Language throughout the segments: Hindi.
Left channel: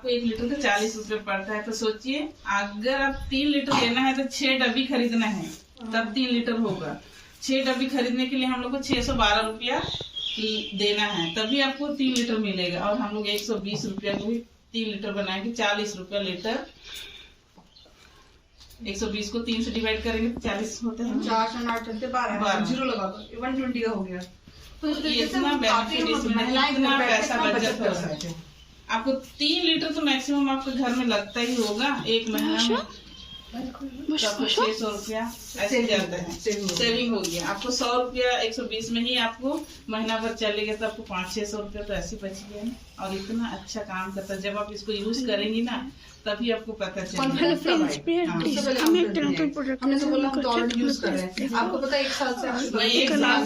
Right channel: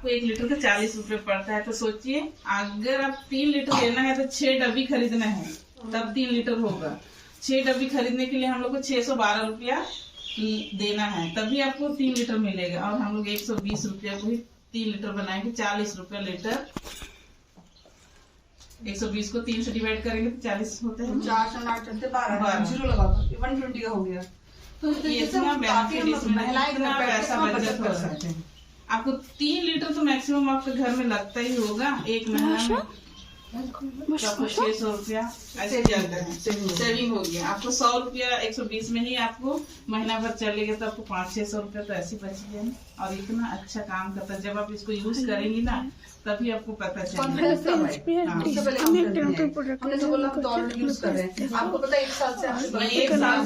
आपको 1 लीटर का 40 रुपए पड़ता है। तो सोचिए अगर आप 3 लीटर लेना है तो 6 डब्बी खरीदना है, तब 3 लीटर होगा। 6 डब्बी खरीदने के लिए हम लोग को 612 रुपया देना है, तभी आपको 3 लीटर मिलेगा। और हम लोग 120 रुपया को 3 लीटर बनाएंगे, 40 रुपया लीटर। 120 को 3 से डिवाइड करेंगे तो 40 होते हैं। 4 जीरो लगा 120 का हो गया। तो इतना बेनिफिट इसमें, इतना पैसा बचत हो सकते हैं। आपको 3 लीटर तो मैक्सिमम आपके घर में लगता ही होगा एक महीना में। तो आपको 600 रुपया ऐसे जाता है, सेविंग हो गया। आपको 100 रुपया 120 में ही आपको महीना भर चलेगा, तो आपको 500-600 रुपया तो ऐसे बच गया ना। और इतना अच्छा काम करता है, जब आप इसको यूज करेंगी ना तभी आपको पता चलेगा। आपको पता है 1 साल से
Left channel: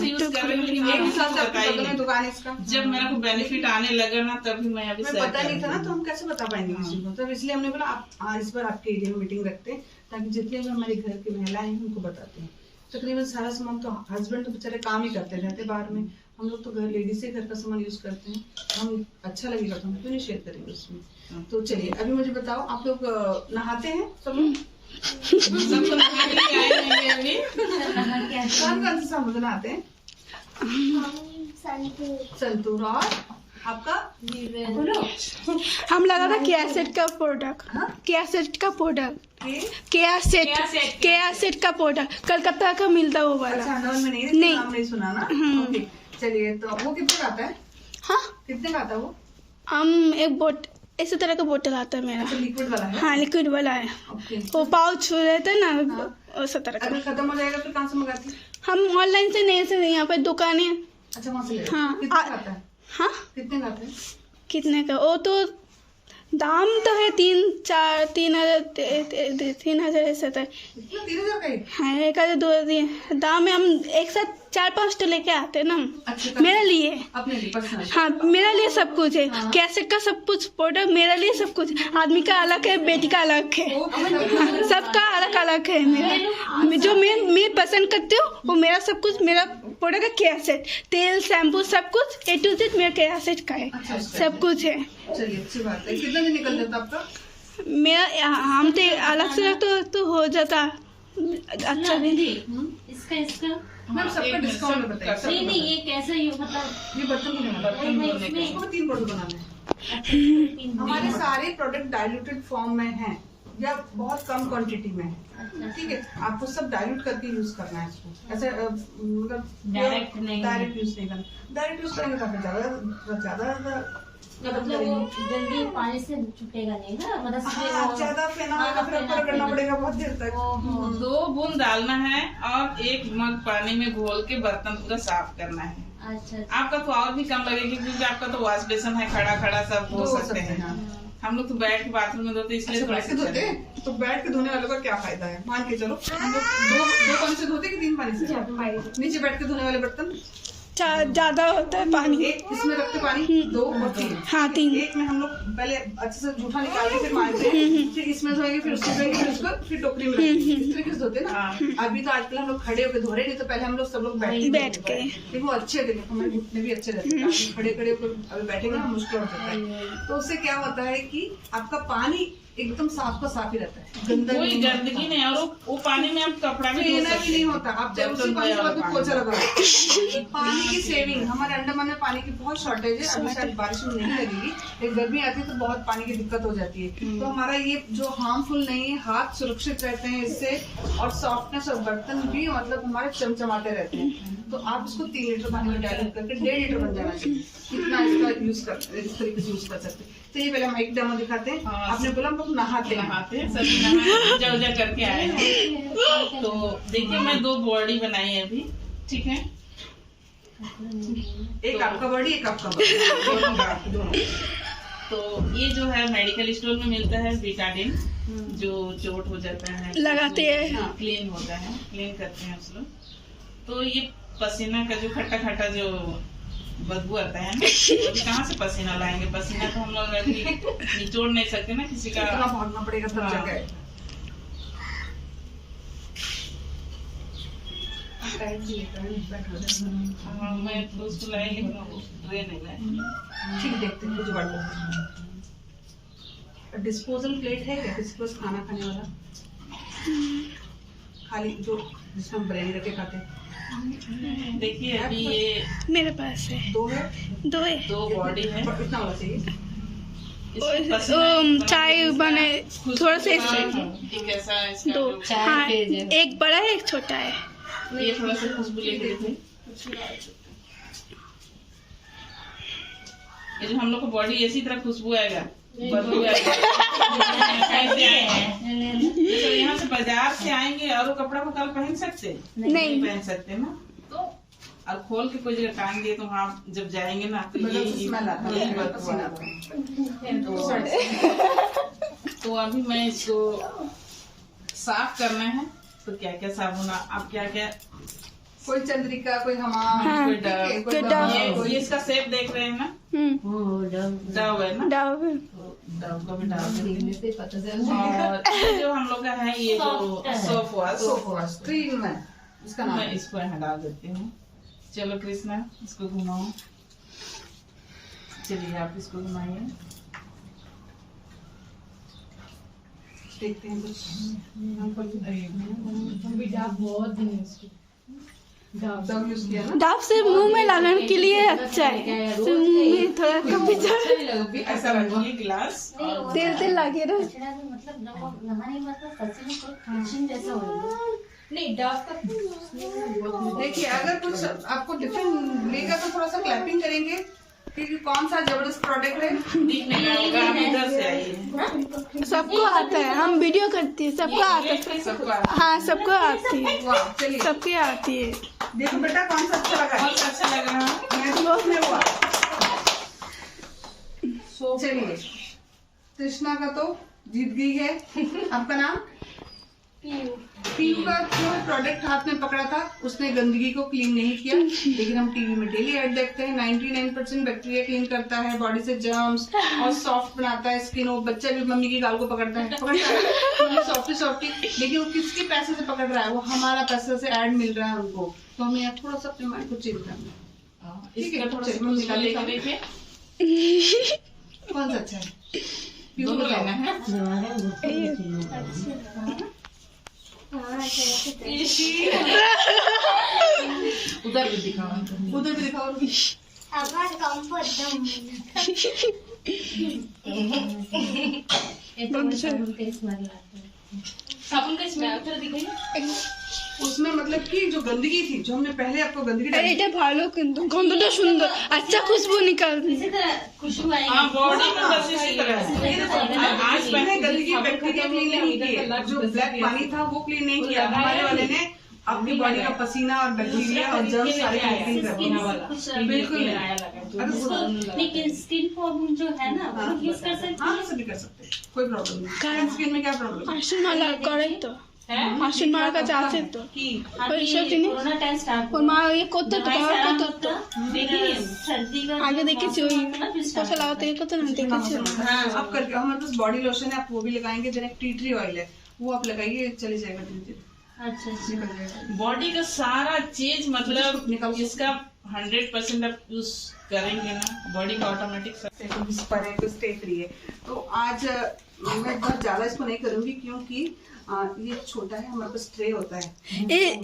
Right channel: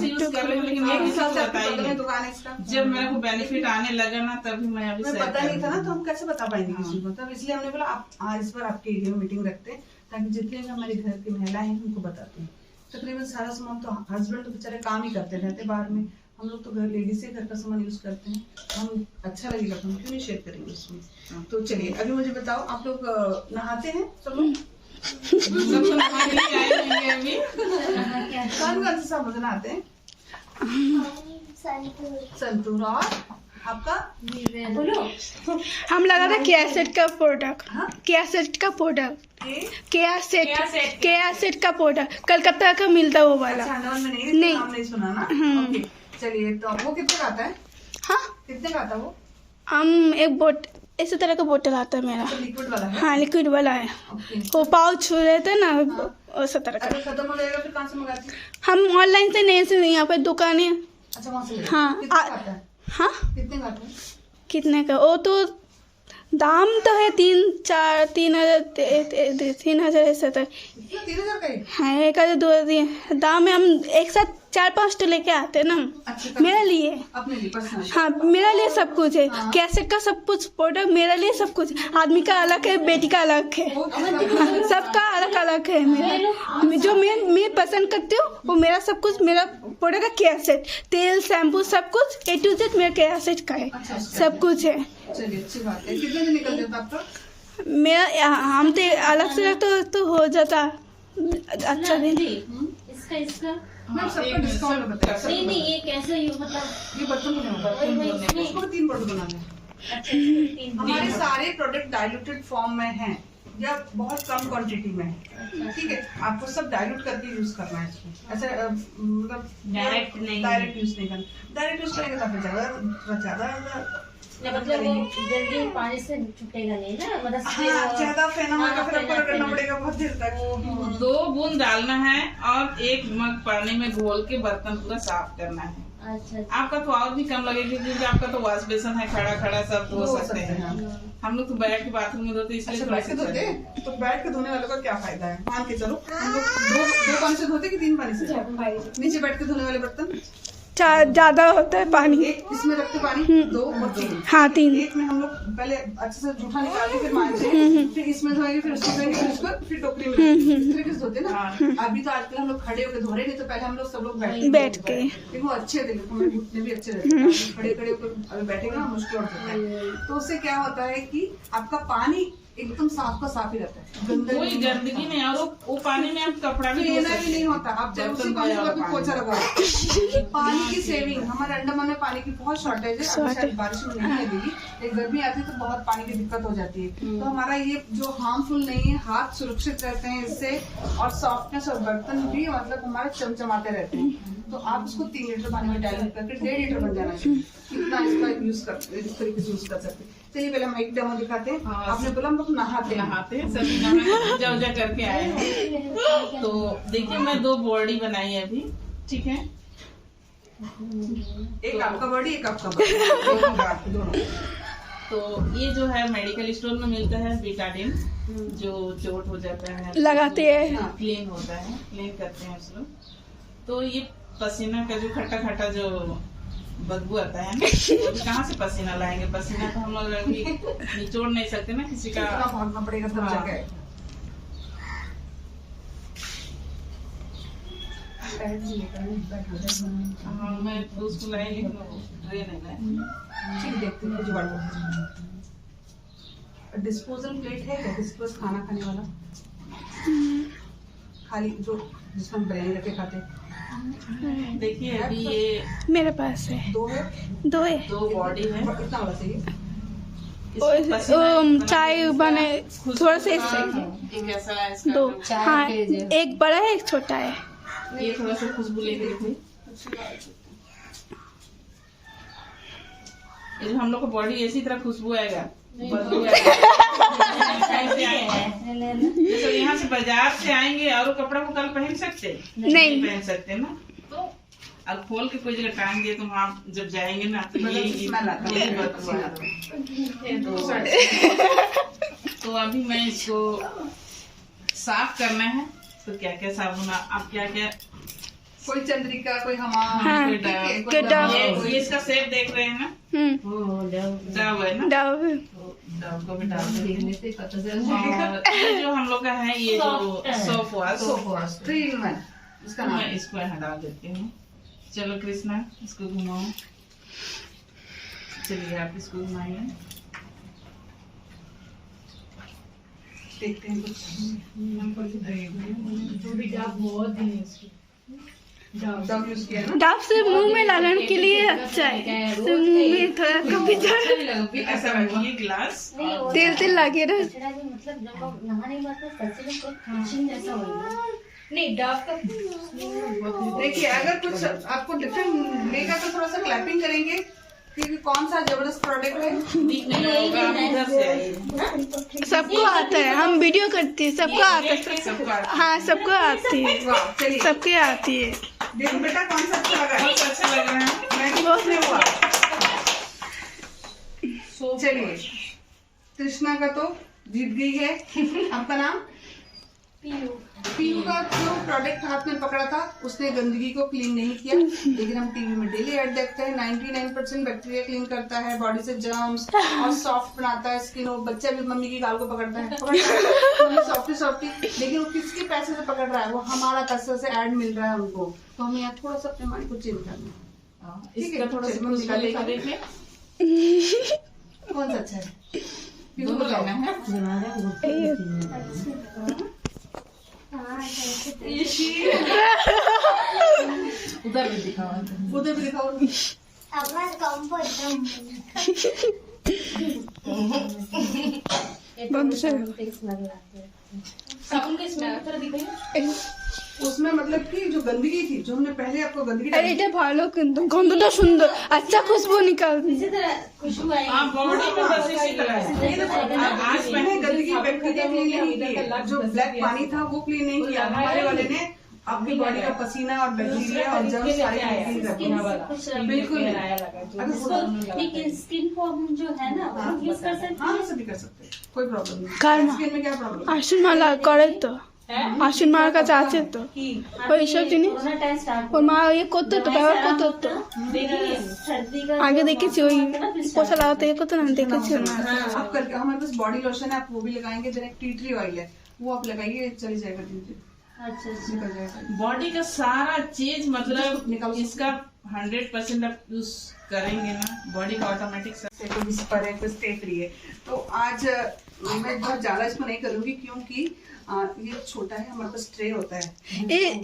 यूज कर रही हूँ, लेकिन एक साल से बताइए दुकान इसका जब मेरे को बेनिफिट आने लगा ना तभी मैं अभी पता नहीं था ना, तो हम कैसे बता पाएंगे किसी को। तो इसलिए हमने बोला आप आज इस बार आपके एरिया में मीटिंग रखते हैं, ताकि जितने भी हमारे घर की महिलाएं हैं उनको बताते हैं। तकरीबन सारा सामान तो हस्बैंड तो बेचारे काम ही करते रहते बाहर में, हम लोग तो घर लेडीज से घर का सामान यूज करते हैं। हम अच्छा लगेगा तो हम क्यों नहीं शेयर करेंगे इसमें। तो चलिए अभी मुझे बताओ, आप लोग नहाते हैं सब लोग? कौन से साबुन नहाते हैं? संतूर। और आपका हम लगा था कैसेट का प्रोडक्ट, कैसेट का प्रोडक्ट, कैसेट का प्रोडक्ट कलकत्ता का मिलता है वो वाला। नहीं सुना ना। ओके चलिए, तो वो कितने का आता है? हाँ कितने का आता है वो? हम एक इसी तरह का बोतल आता है मेरा। लिक्विड वाला है? हाँ लिक्विड वाला है। वो पाउच रहता है ना, उस तरह का। अगर खत्म हो जाएगा फिर कहाँ से मंगाती? हम ऑनलाइन से नहीं, से यहाँ पे दुकान है। अच्छा वहाँ से? हाँ कितने का आता है? हाँ कितने का आता है? कितने का? वो तो दाम तो है 3,000 ऐसा था। 3,000 का ही? हाँ 1,000-2,000 दाम है। हम एक साथ 4-5 तो लेके आते हैं ना। अच्छा, मेरे लिए, अपने लिए पर्सनल? हाँ मेरा लिए सब कुछ है। कैसेट का सब कुछ प्रोडक्ट मेरे लिए सब कुछ। आदमी का अलग है, बेटी का अलग है, सबका अलग अलग है। मेरा जो मैं पसंद करती हूँ वो मेरा सब कुछ, मेरा प्रोडक्ट का कैसेट, तेल, शैम्पू सब कुछ A to Z मेरा कैसेट का है। सब कुछ है। चलिए अच्छी बात है। कितना दिन निकल जाता आपका? मेरा हम तो अलग से तो हो जाता अच्छा दिन। इसका मैम सबका डिस्काउंट बताइए। नहीं ये कैसे मतलब ये बर्तन बनाने हैं, 3 प्रोडक्ट बनाने हैं। हमारे सारे प्रोडक्ट डाइल्यूटेड फॉर्म में हैं या बहुत कम क्वांटिटी में है, ठीक है। आपको सब डाइल्यूट करके यूज करना है इसको, ऐसा मतलब डायरेक्ट यूज नहीं करना। डायरेक्ट यूज करेंगे तो फिर ज्यादा मतलब वो जल्दी पानी से छुटेगा नहीं ना, मतलब ज्यादा फेना होगा फिर आपको रगड़ना पड़ेगा बहुत देर तक। 2 बूंद डालना है और 1 मग पानी में घोल के बर्तन पूरा साफ करना है। अच्छा आपका तो और भी कम लगेगा क्योंकि आपका तो वॉश बेसन है, खड़ा सब धो सकते हैं। हम लोग तो बैठ के बाथरूम में धोते, इसलिए बैठ के धोते। तो बैठ के धोने वालों का क्या फायदा है? मान के चलो हम लोग 2 पानी से धोते कि 3 पानी से? नीचे बैठ के धोने वाले बर्तन ज्यादा होता है पानी। एक इसमें रखते पानी 2 और 3। हाँ 3। एक में हम लोग पहले अच्छे से जूठा निकाल के फिर मारते, फिर इसमें धोएंगे, फिर उसको धोएंगे, फिर उसको फिर टोकरी में इस तरीके से धोते ना। अभी तो आजकल हम लोग खड़े होकर धो रहे, नहीं तो पहले हम लोग सब लोग बैठ के। लेकिन वो अच्छे थे, हमारे घुटने भी अच्छे रहते हैं। खड़े होकर अभी बैठेंगे ना मुश्किल होता है। तो उससे क्या होता है कि आपका पानी एकदम साफ का साफ ही रहता है, कोई गंदगी नहीं। और वो पानी में आप कपड़ा भी लेना भी नहीं होता। आप जब उसी पानी को पोछा लगा। पानी की सेविंग, हमारे अंडमान में पानी की बहुत शॉर्टेज है। अभी शायद बारिश में नहीं लगेगी, एक गर्मी आती है तो बहुत पानी की दिक्कत हो जाती है। तो हमारा ये जो हार्मफुल नहीं है, हाथ सुरक्षित रहते हैं इससे, और सॉफ्टनेस और बर्तन भी मतलब हमारे चमचमाते रहते हैं। तो आप इसको 3 लीटर पानी में डाइल्यूट करके 1.5 लीटर बन जाना चाहिए, इतना इसका यूज करते, इस तरीके से यूज कर सकते। चलिए पहले हम एक डेमो दिखाते हैं। आपने बोला हम लोग नहाते सब पूजा करके आए हैं। तो देखिए मैं 2 बॉडी बनाई है अभी, ठीक है। एक आपका बॉडी, एक आपका बॉडी दोनों। तो ये जो है मेडिकल स्टोर में मिलता है बीटाडिन, जो चोट हो जाता है लगाते हैं, क्लीन होता है, क्लीन करते हैं उस लोग। तो ये पसीना का जो खट्टा जो बदबू आता है ना, कहाँ से पसीना लाएंगे? पसीना तो हम लोग अभी निचोड़ नहीं सकते ना किसी का, भागना पड़ेगा तब जाके। मैं तो उसको लाई, लेकिन ट्रे नहीं लाए। ठीक देखते हैं जुगाड़ करते हैं। डिस्पोजल प्लेट है क्या किसी पास खाना खाने वाला? खाली जो जिसमें हम बिरयानी रख के खाते हैं। देखिए अभी ये मेरे पास है, 2 है, 2 है। 2 बॉडी है। इतना होना चाहिए। चाय बने थोड़ा सा एक ऐसा है इसका 2, जो- हाँ, एक बड़ा है एक छोटा है। ये थोड़ा सा खुशबू लेके देखिए। ये जो हम लोग को बॉडी इसी तरह खुशबू आएगा, बदबू आएगा। ऐसे आएंगे। ये सब यहाँ से बाजार से आएंगे और वो कपड़ा को कल पहन सकते नहीं। पहन सकते ना, तो अब खोल के कोई जगह टांग दिए तो वहाँ जब जाएंगे ना तो मतलब यही स्मेल आता है, यही बदबू पसीना आता आता है। है। तो अभी मैं इसको साफ करना है। तो क्या क्या साबुन आप क्या क्या कोई चंद्रिका, कोई हमाम, हाँ, कोई डव, कोई डव। ये इसका सेट देख रहे हैं ना, डव है ना, डव तो डव को भी डाल देंगे। और ये जो हम लोग का है ये जो सोप वॉश, 3 in 1 इसका नाम मैं है। इसको यहाँ डाल देती हूँ। चलो कृष्णा इसको घुमाओ। चलिए आप इसको घुमाइए। देखते हैं कुछ डव यूज किया ना। डव से मुंह में लगाने के लिए अच्छा है, तो मुंह में थोड़ा कभी ऐसा रखिए गिलास। तेल तेल लगे रहे। मतलब जब हम नहाने के बाद तो सच में कोई फ्रिक्शन जैसा होगा। नहीं डव का देखिए अगर कुछ आपको डिफरेंट लेगा तो थोड़ा सा क्लैपिंग करेंगे, क्योंकि कौन सा जबरदस्त प्रोडक्ट है। दिख नहीं रहा होगा, आप इधर से आइए। सबको आता है, हम वीडियो करते हैं, सबको आता है। सबको आता है। हाँ, सबको आती है, वाह, चलिए सबके आती है। देखो बेटा कौन सा अच्छा लगा है। बहुत अच्छा लग रहा है। बहुत में हुआ। चलिए कृष्णा का तो जीत गई है। आपका नाम? पीयू का जो प्रोडक्ट हाथ में पकड़ा था उसने गंदगी को क्लीन नहीं किया, लेकिन हम टीवी में डेली ऐड देखते हैं 99% बैक्टीरिया क्लीन करता है, बॉडी से जर्म्स और सॉफ्ट बनाता है स्किन। वो बच्चा भी मम्मी की गाल को पकड़ता है सॉफ्टी सॉफ्टी, लेकिन वो किसके पैसे से पकड़ रहा है? वो हमारा पैसे से ऐड मिल रहा है उनको। तो हमें यहाँ थोड़ा सा अपने माइंड को चेंज करना है। इसका थोड़ा सा मम्मी खुशबू लेके निकालिए। देखिए। कौन सा अच्छा है? पीयू दोनों बताओ। लेना है। उधर भी दिखाओ। उधर भी दिखाओ। साबुन का स्मेल थोड़ा दिखाइए। उसमें मतलब कि जो गंदगी थी, जो हमने पहले आपको गंदगी अरे डाली, এটা ভালো কিন্তু গন্ধটা সুন্দর, अच्छा खुशबू निकालती इसी तरह खुशबू आएगी। हाँ बॉडी में बस इसी तरह है। आज मैंने गंदगी बैक्टीरिया क्लीन नहीं किया, जो ब्लैक पानी था वो क्लीन नहीं किया। हमारे वाले ने आपकी बॉडी का पसीना और बैक्टीरिया और जर्म सारे क्लीन कर दिया। बिल्कुल नहीं। लेकिन स्किन प्रॉब्लम जो है ना वो यूज कर सकते हाँ सभी कर सकते हैं, कोई प्रॉब्लम नहीं। करना। स्किन में क्या प्रॉब्लम है? আশ্বিন মালা করে তো, আশ্বিন মালার কাছে আছে তো, ওই সব জিনিস कोरोना टाइम स्टार्ट ওর মা ইয়ে করতে তো, ব্যবহার করতে তো। देखिए सर्दी का আগে দেখেছি ওই পোষা লাগাতে ইয়ে করতে না, আমি দেখেছি। आप करके हमारे पास बॉडी लोशन है, आप वो भी लगाएंगे। डायरेक्ट टी ट्री ऑयल है, वो आप लगाइए, चली जाएगा धीरे-धीरे, अच्छा निकल जाएगा। बॉडी का सारा चीज मतलब निकालो। इसका 100% आप यूज करेंगे ना, बॉडी का ऑटोमेटिक कोई विस्पर है, कोई स्टे फ्री है। तो आज मैं बहुत ज्यादा इसको नहीं करूंगी, क्योंकि ये छोटा है, हमारे पास ट्रे होता है।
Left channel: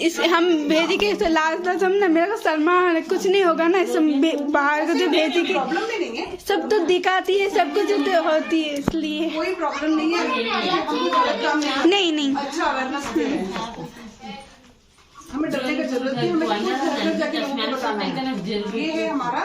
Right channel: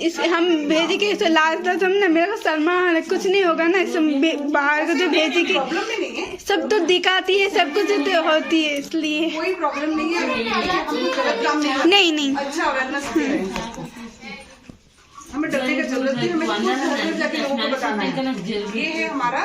इस हम भेजी के इसे लास्ट तक हम ना, मेरा को शर्मा कुछ नहीं होगा ना, इस बाहर को जो भेजी के प्रॉब्लम भी नहीं है, सब तो दिखाती है, सब कुछ तो होती है, इसलिए कोई प्रॉब्लम नहीं है। हम गलत काम नहीं नहीं अच्छा अवेयरनेस दे रहे हैं। हमें डरने की जरूरत नहीं, हमें खुद घर घर जाके लोगों को बताना है। ये है हमारा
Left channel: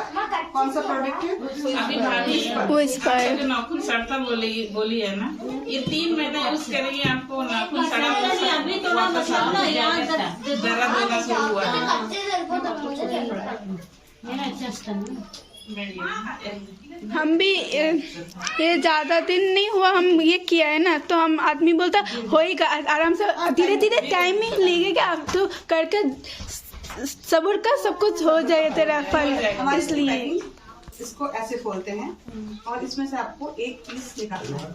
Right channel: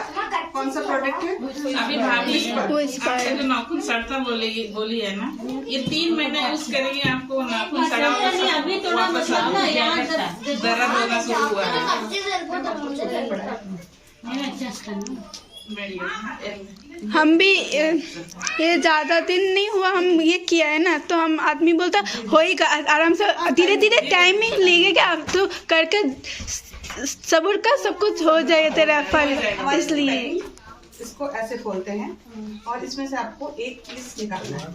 कौन सा प्रोडक्ट है? अभी भाभी वो इंस्पायर जो नाखून सड़ता बोली है ना, ये 3 महीना यूज करेंगे, आपको नाखून सड़ा अभी थोड़ा वापस मतलब ना यहाँ दर्द होना शुरू हुआ है। मेरा अच्छा ना हम भी ये ज्यादा दिन नहीं हुआ हम ये किया है ना, तो हम आदमी बोलता होएगा आराम से, धीरे धीरे टाइमिंग लगेगा, तो करके सब्र का सब कुछ हो जाए तेरा फल। इसलिए इसको ऐसे खोलते हैं और इसमें से आपको एक पीस निकालना है,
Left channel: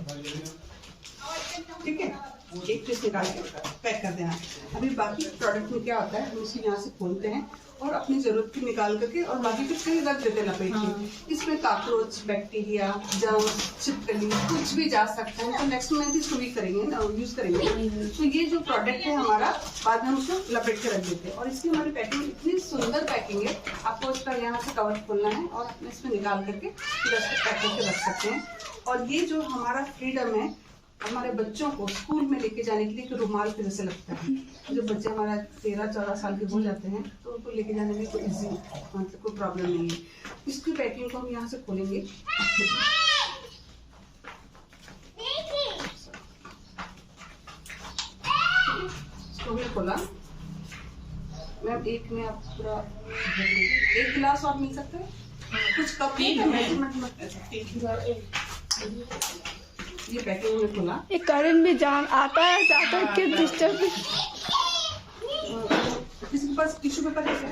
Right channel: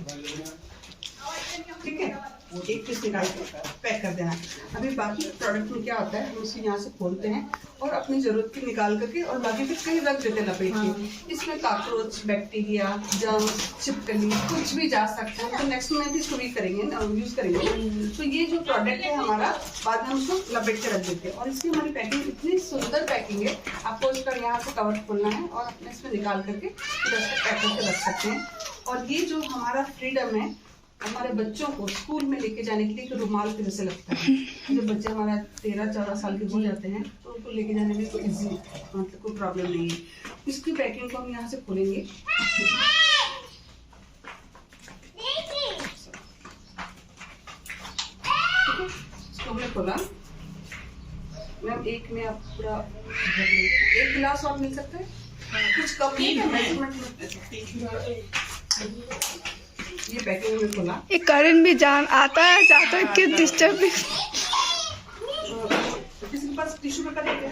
ठीक है? एक पीस निकाल के पैक कर देना। अभी बाकी प्रोडक्ट में क्या होता है, हम इसे यहाँ से खोलते हैं और अपनी जरूरत की निकाल करके और बाकी फिर कहीं रख देते हैं लपेट के। इसमें काकरोच, बैक्टीरिया, जर्म, छिपकली कुछ भी जा सकता है, तो नेक्स्ट में इसको भी करेंगे ना, यूज करेंगे। तो ये जो प्रोडक्ट है हमारा, बाद में हम उसको लपेट के रख देते हैं। और इसकी हमारी पैकिंग इतनी सुंदर पैकिंग है, आपको इसका यहाँ से कवर खोलना है और अपने इसमें निकाल करके फिर इसको पैक करके रख सकते हैं। और ये जो हमारा फ्रीडम है, हमारे बच्चों को स्कूल में लेके जाने के लिए एक रुमाल की जैसे लगता है। जो बच्चे हमारा 13-14 साल के हो जाते हैं तो उनको लेके जाने में कोई इजी मतलब कोई प्रॉब्लम नहीं है। इसकी पैकिंग को हम यहाँ से खोलेंगे। इसको हमने खोला, मैम एक में आप पूरा एक गिलास और मिल सकता है, कुछ कप ये पैकिंग में खोला। ये करंट भी जान आता है जाता है कि डिस्टर्ब। किसी के पास टिश्यू पेपर है क्या?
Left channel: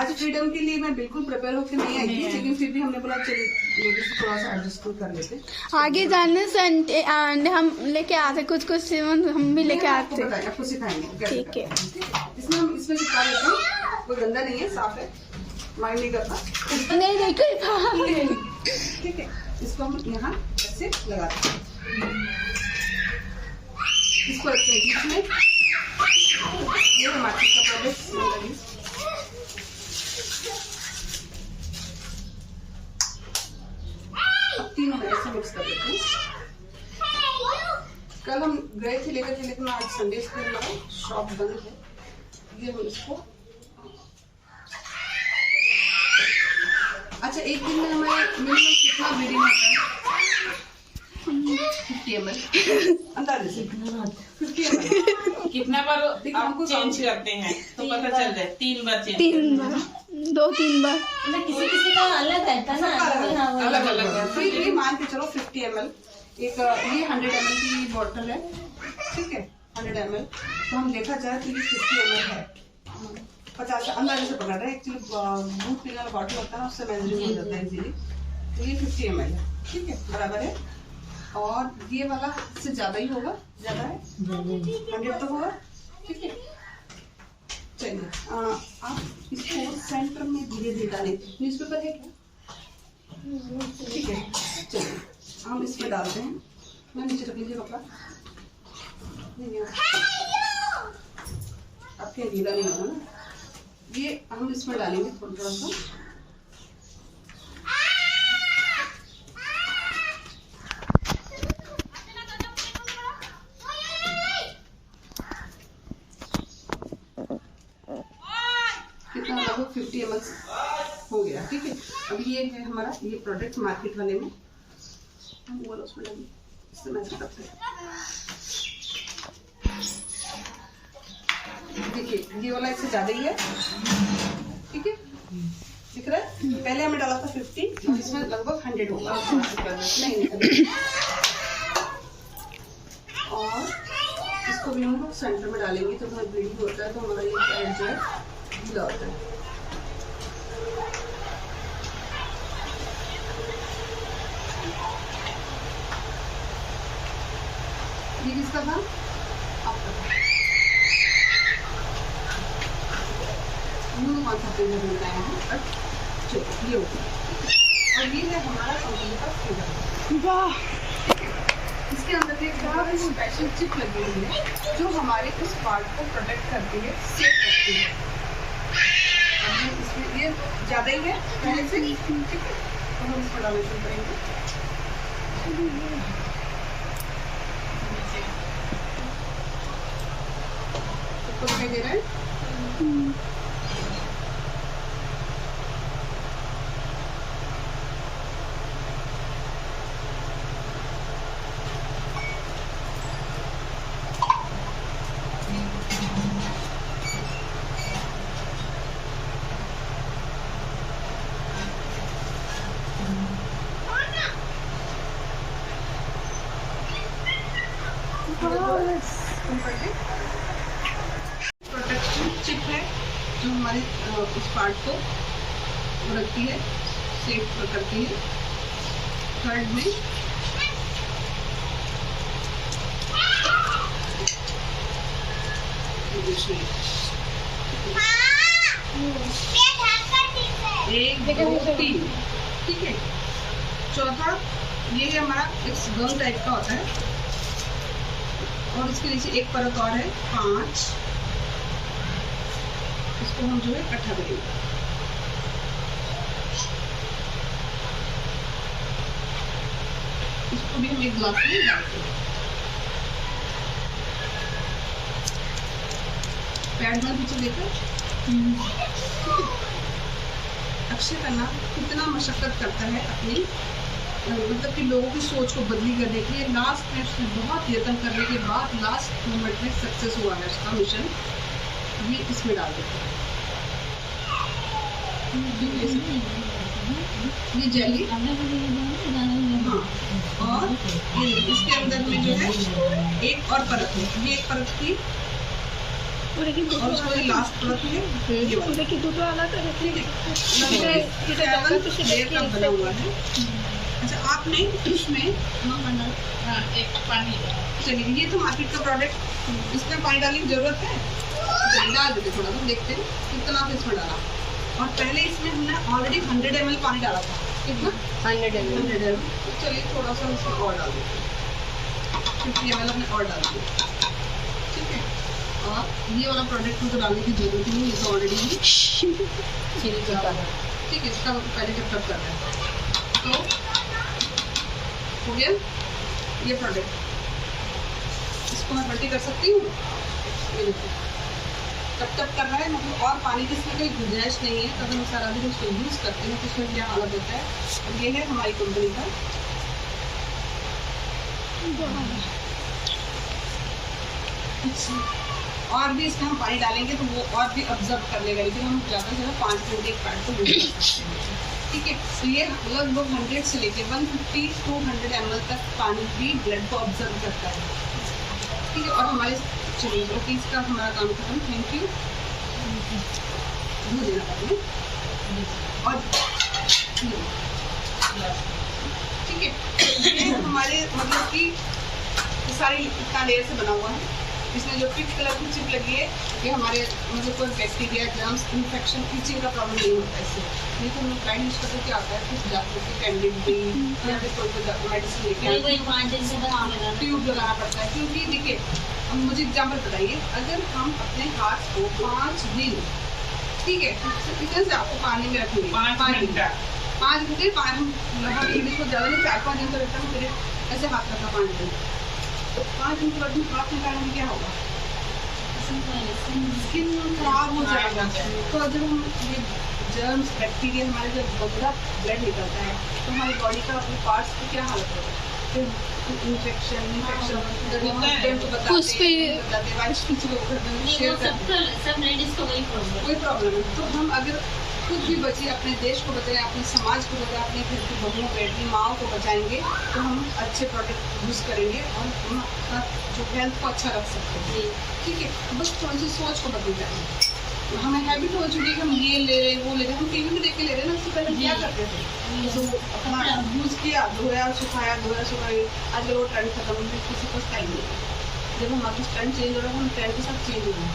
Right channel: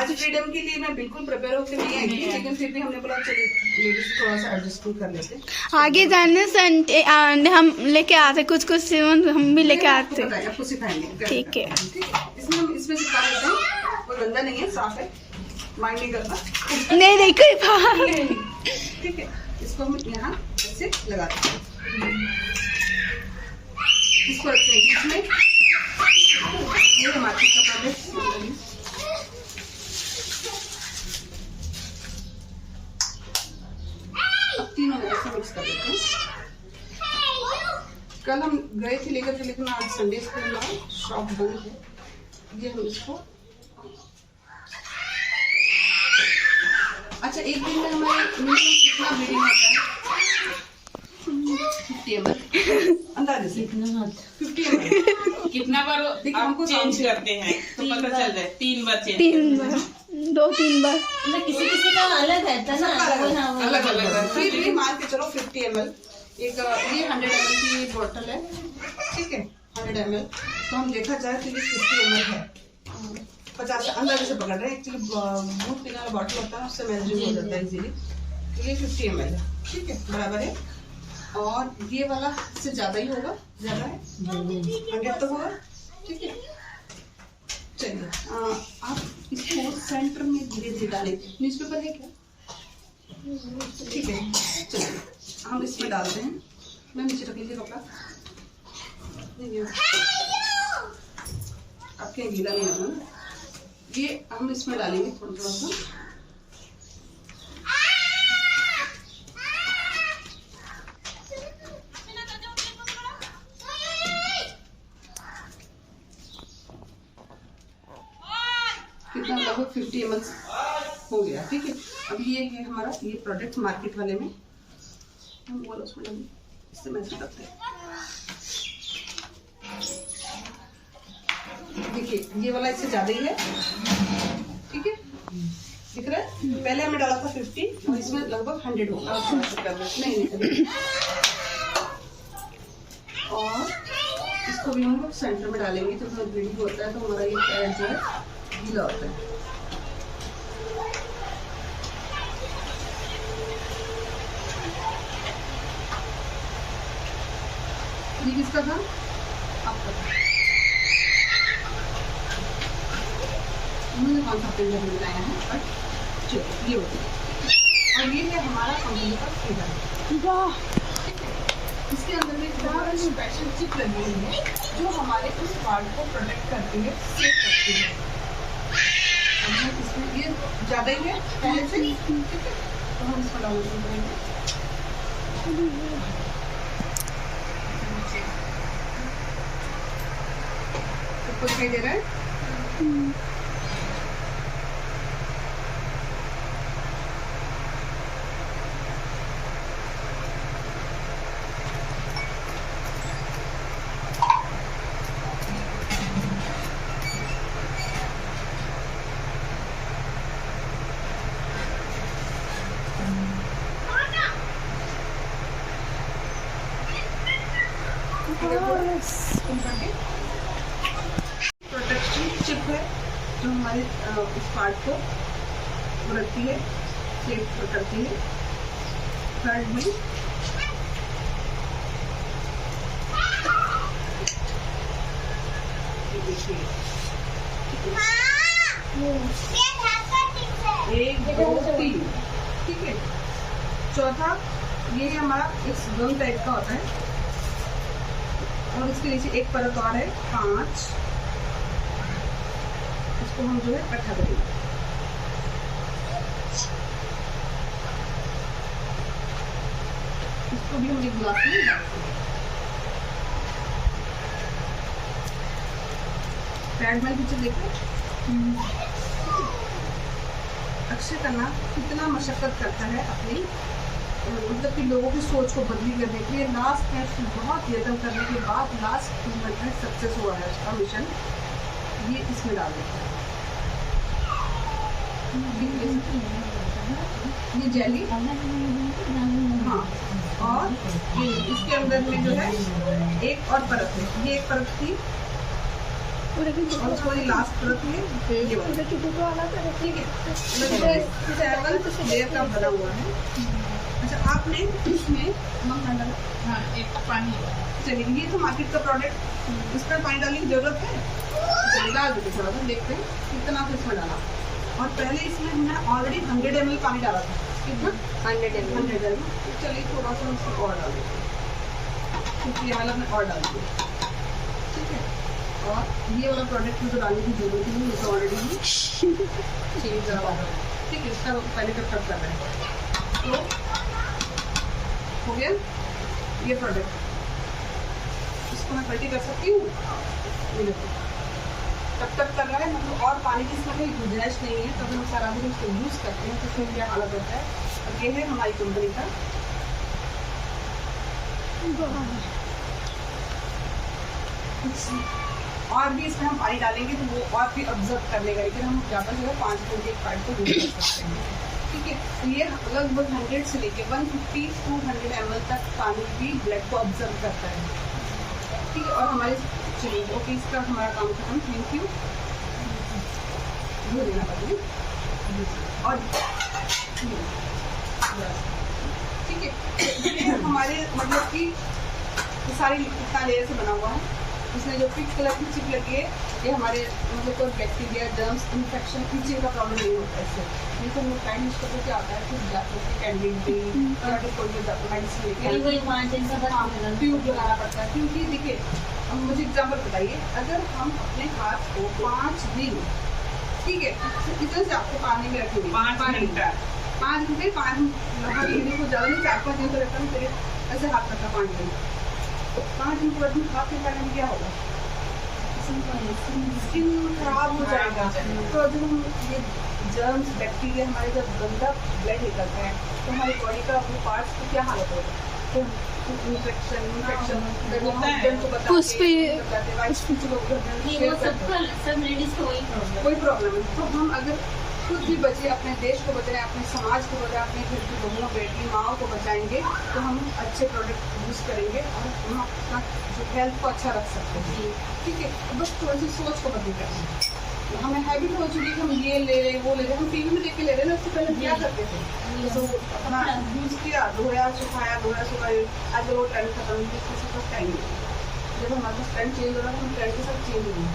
आज फ्रीडम के लिए मैं बिल्कुल प्रिपेयर होकर नहीं आई थी, लेकिन फिर भी हमने बोला चलो लेडीज से थोड़ा सा एडजस्ट कर लेते। आगे जाने से हम लेके आते कुछ हम भी लेके आते, आपको सिखाएंगे। ठीक है। इसमें हम इसमें सिखा देते हैं, कोई गंदा नहीं है, साफ है, माइंड नहीं करता। नहीं देखो, ठीक है। इसको हम यहाँ ऐसे लगाते हैं, इसको रखते हैं बीच में। ये हमारे कपड़ा अब तीनों में ऐसे मिक्स कर देते हैं। कल हम गए थे लेकर के, लेकिन आज संडे के हमारा शॉप बंद है। ये हम इसको अच्छा, एक दिन में हमारे मिनिमम कितना ब्लीडिंग होता है? 50 ml अंदाजे से 50 ml। कितना बार हमको चेंज करते हैं तो पता चल जाए? 3 बार चेंज। 3 बार, 2-3 बार। मतलब किसी का अलग रहता है ना, अलग अलग। फिर ये मान के चलो 50 ml, एक ये 100 ml की बोतल है, ठीक है, 100 ml। तो हम देखा जाए तो ये 50 ml है, 50 अंदाजे से पकड़ रहे हैं। एक्चुअली दूध पीने वाला बॉटल होता है ना, उससे मेजरिंग हो जाता है इजीली। तो ये 50 ml है, ठीक है, बराबर है। और ये वाला इससे ज्यादा ही होगा, ज्यादा है, 100 तो होगा, ठीक है। चलिए आप इसको सेंटर में धीरे धीरे डालें। न्यूज़पेपर है क्या? ठीक है, चलिए हम इसमें डालते हैं। मैं नीचे रख लीजिए कपड़ा, आपके गीला नहीं होगा ना। ये हम इसमें डालेंगे थोड़ा सा। कितना लगभग 50 ml हो गया, ठीक है। अब ये है हमारा ये प्रोडक्ट मार्केट वाले में हम बोलो उसमें इससे मैच करते हैं। देखिए ये वाला इससे ज्यादा ही है, ठीक है, दिख रहा है। पहले हमने डाला था 50 और इसमें लगभग 100 होगा। नहीं और इसको भी हम लोग सेंटर में डालेंगे तो थोड़ा ब्लीडिंग होता है, तो हमारा ये पैड जो है गीला होता है। ये किसका था? आपका। उन्होंने कौन सा पेज बनाया है? अच्छा ये होता है। और ये है हमारा कंपनी का फ्रीडम। वाह, इसके अंदर एक बहुत स्पेशल चिप लगी हुई है जो हमारे उस पार्ट को प्रोटेक्ट करती है, सेफ करती है। इसमें ये ज्यादा ही है पहले से, ठीक है, तो हम इसको डालना शुरू करेंगे। सबको दिखाई दे रहा है? प्रोटेक्शन चिप है जो हमारे उस पार्ट को रखती है, सेफ करती है। थर्ड में देखिए 1 2 3, ठीक है। चौथा ये हमारा एक गम टाइप का होता है और इसके नीचे एक परत और है 5, इसको हम जो है इकट्ठा करेंगे। इसको भी हम एक ग्लास में डालते हैं। पैड में पीछे देखो, अक्षय करना कितना मशक्कत करता है अपनी मतलब कि लोगों की सोच को बदली करने के लिए। लास्ट में बहुत यत्न करने के बाद लास्ट मोमेंट में सक्सेस हुआ है उसका मिशन। ये इसमें डाल देते हैं, ये जेली, हाँ, और ये इसके अंदर में जो है एक और परत है, ये एक परत थी और उसको ये लास्ट परत है, तो ये वाला ठीक है, लगभग 7 लेयर का बना हुआ है। अच्छा, आपने इसमें हाँ, एक पानी चलिए, ये तो मार्केट का प्रोडक्ट, इसमें पानी डालने की जरूरत है? चलिए डाल देते, थोड़ा सा देखते हैं कितना फिर इसमें डाला। और पहले इसमें हमने ऑलरेडी 100 ml पानी डाला था, कितना 100 ml। तो चलिए थोड़ा सा इसमें और डाल देते, 50 ml हमने और डाल दिया, ठीक है। और ये वाला प्रोडक्ट में तो डालने की जरूरत ही नहीं, ये तो ऑलरेडी ही ठीक है। इसका पहले जब कर रहे हैं तो हो गया ये प्रोडक्ट। इसको मैं पलटी कर सकती हूँ, ये देखो टप टप कर रहा है, मतलब और पानी की इसमें कोई गुंजाइश नहीं है। तब हम सारा दिन इसको यूज़ करते हैं तो इसमें क्या हालत होता है। अब ये है हमारी कंपनी का, और भी इसमें हम पानी डालेंगे तो वो और भी ऑब्जर्व कर लेगा, लेकिन हम ज़्यादा से ज़्यादा 5 मिनट एक पैड को यूज कर सकते हैं, ठीक है। तो ये लगभग 100 से लेके 150 to 100 ml तक पानी की ब्लड को ऑब्जर्व करता है, ठीक है। और हमारे चलिए ओके, इसका हमारा काम खत्म, थैंक यू। धो देना पानी और ठीक है। ये हमारे मतलब कि सारे इतना लेयर से बना हुआ है। इसमें जो पिंक कलर की चिप लगी है ये हमारे मतलब कोई बैक्टीरिया, जर्म्स, इन्फेक्शन, इचिंग का प्रॉब्लम नहीं होता है इससे। नहीं तो हम लोग पैड यूज करते क्या होता है, कुछ जाकर के कैंडी या फिर कोई मेडिसिन लेके ट्यूब लगाना पड़ता है। क्योंकि देखिए, अब मुझे एग्जाम्पल बताइए, अगर हम अपने हाथ को 5 दिन, ठीक है, किचन से आपको पानी में रखेंगे 5 घंटे, 5 घंटे हम हाथ को ज़्यादा नहीं 4-5 दिन तो रखा नहीं, फिर ऐसे हाथ रखा 5 दिन, 5 दिन के बाद हाथ निकालेंगे क्या होगा, स्किन खराब हो जाएगा। तो जब हम ये जर्म्स, बैक्टीरिया हमारे जब गंदा ब्लड निकलता है तो हमारी बॉडी का अपने पार्ट्स की क्या हालत होता है, तो इन्फेक्शन कोई प्रॉब्लम है। तो हम अगर खुद भी बचे, अपने देश को बचाएं, अपने समाज को बचाएं, अपने घर की बहुओं, बेटी, माओ को बचाएंगे तो हम अच्छे प्रोडक्ट यूज़ करेंगे और हम अपना जो हेल्थ को अच्छा रख सकते हैं, ठीक है। बस थोड़ी सी सोच को बदल जाए। हमें हैबिट हो चुकी है कि हम ये ले रहे हैं, वो ले रहे हैं, हम टीवी में देख के ले रहे हैं ना। उससे पहले क्या करते थे, तो अपना यूज़ किया, धोया सुखाया, आज वो ट्रेंड खत्म है, किसी को टाइम नहीं। जब हमारा ट्रेंड चेंज हो रहा है हम ट्रेंड के साथ चेंज हो रहे हैं।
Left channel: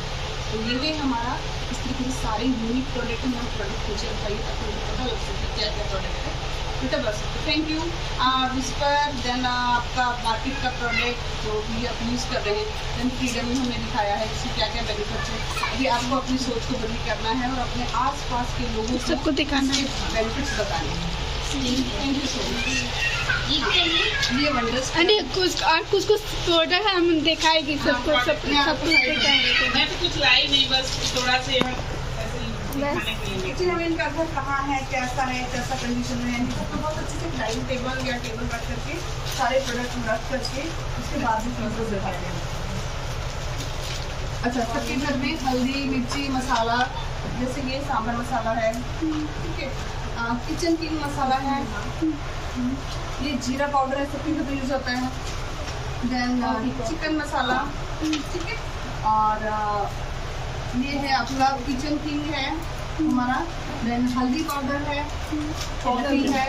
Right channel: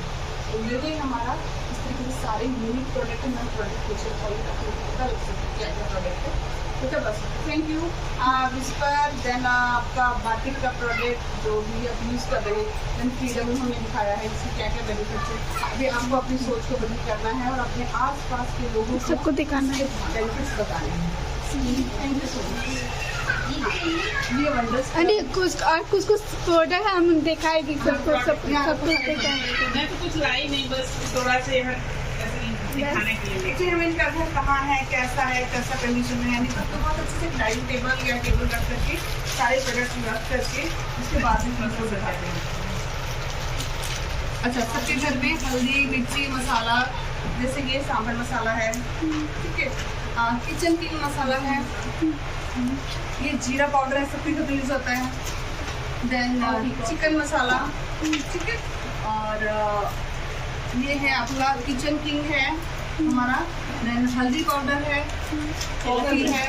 तो ये है हमारा इस तरीके से सारे यूनिक प्रोडक्ट है। प्रोडक्ट पूछे बताइए ताकि पता लग सके क्या क्या प्रोडक्ट है, बेटा बस। Thank you. विस्पर, देन आपका मार्केट का प्रोडक्ट जो भी आप यूज़ कर रहे हैं, देन फ्रीडम में हमने दिखाया है जिससे क्या क्या बेनिफिट्स है। अभी आपको अपनी सोच को बदली करना है और अपने आसपास के लोगों सबको दिखाना है, बेनिफिट्स बताने हैं। Thank you so much. ये वंडर्स अरे कुछ प्रोडक्ट हम दिखाएगी सबको, सब कुछ दिखाएंगे। मैं तो कुछ लाई नहीं, बस थोड़ा से दिखाने के लिए। एक्चुअली हमें इनका घर कहाँ है, कैसा कंडीशन में है, नहीं तो बहुत अच्छे से डाइनिंग टेबल या टेबल रख करके सारे प्रोडक्ट रख करके उसके बाद में फ्लोर दिखाते हैं। अच्छा, सबके घर में हल्दी, मिर्ची, मसाला, जैसे ये सांभर मसाला है, ठीक है, किचन किंग मसाला है, ये जीरा पाउडर है, सबके घर में यूज होता है। देन चिकन मसाला, ठीक है, और ये है आपका किचन किंग है हमारा। देन हल्दी पाउडर है, कॉफी है,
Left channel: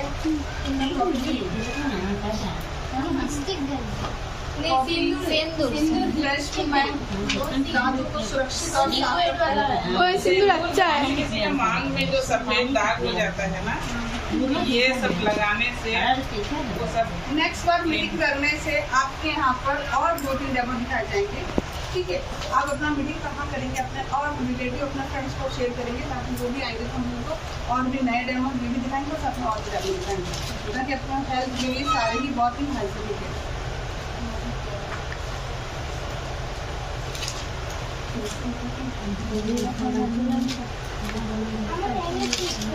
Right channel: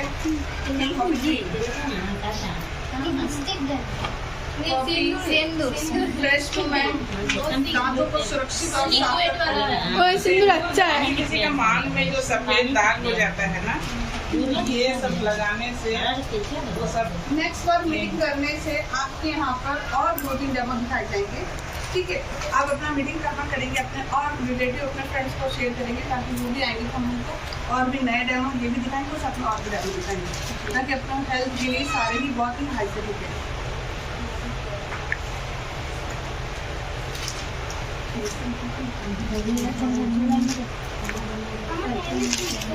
कॉफी, फ्रेश मूवमेंट, दांतों को सुरक्षित और साफ रखता है। और सिंदूर अच्छा है। किसी का मांग में जो सफेद दाग हो जाता है ना, ये सब लगाने से वो सब। नेक्स्ट बार मीटिंग करने से आपके यहाँ पर और 2-3 डेमो दिखाए जाएंगे, ठीक है। आप अपना मीटिंग कहाँ करेंगे, अपने और रिलेटिव अपने फ्रेंड्स को शेयर करेंगे, ताकि वो भी आएंगे तो हम उनको और भी नए डेमो ये भी दिखाएंगे, साथ में और भी डेमो दिखाएंगे, ताकि अपना हेल्थ के लिए सारे ही बहुत ही हाइजीनिक है।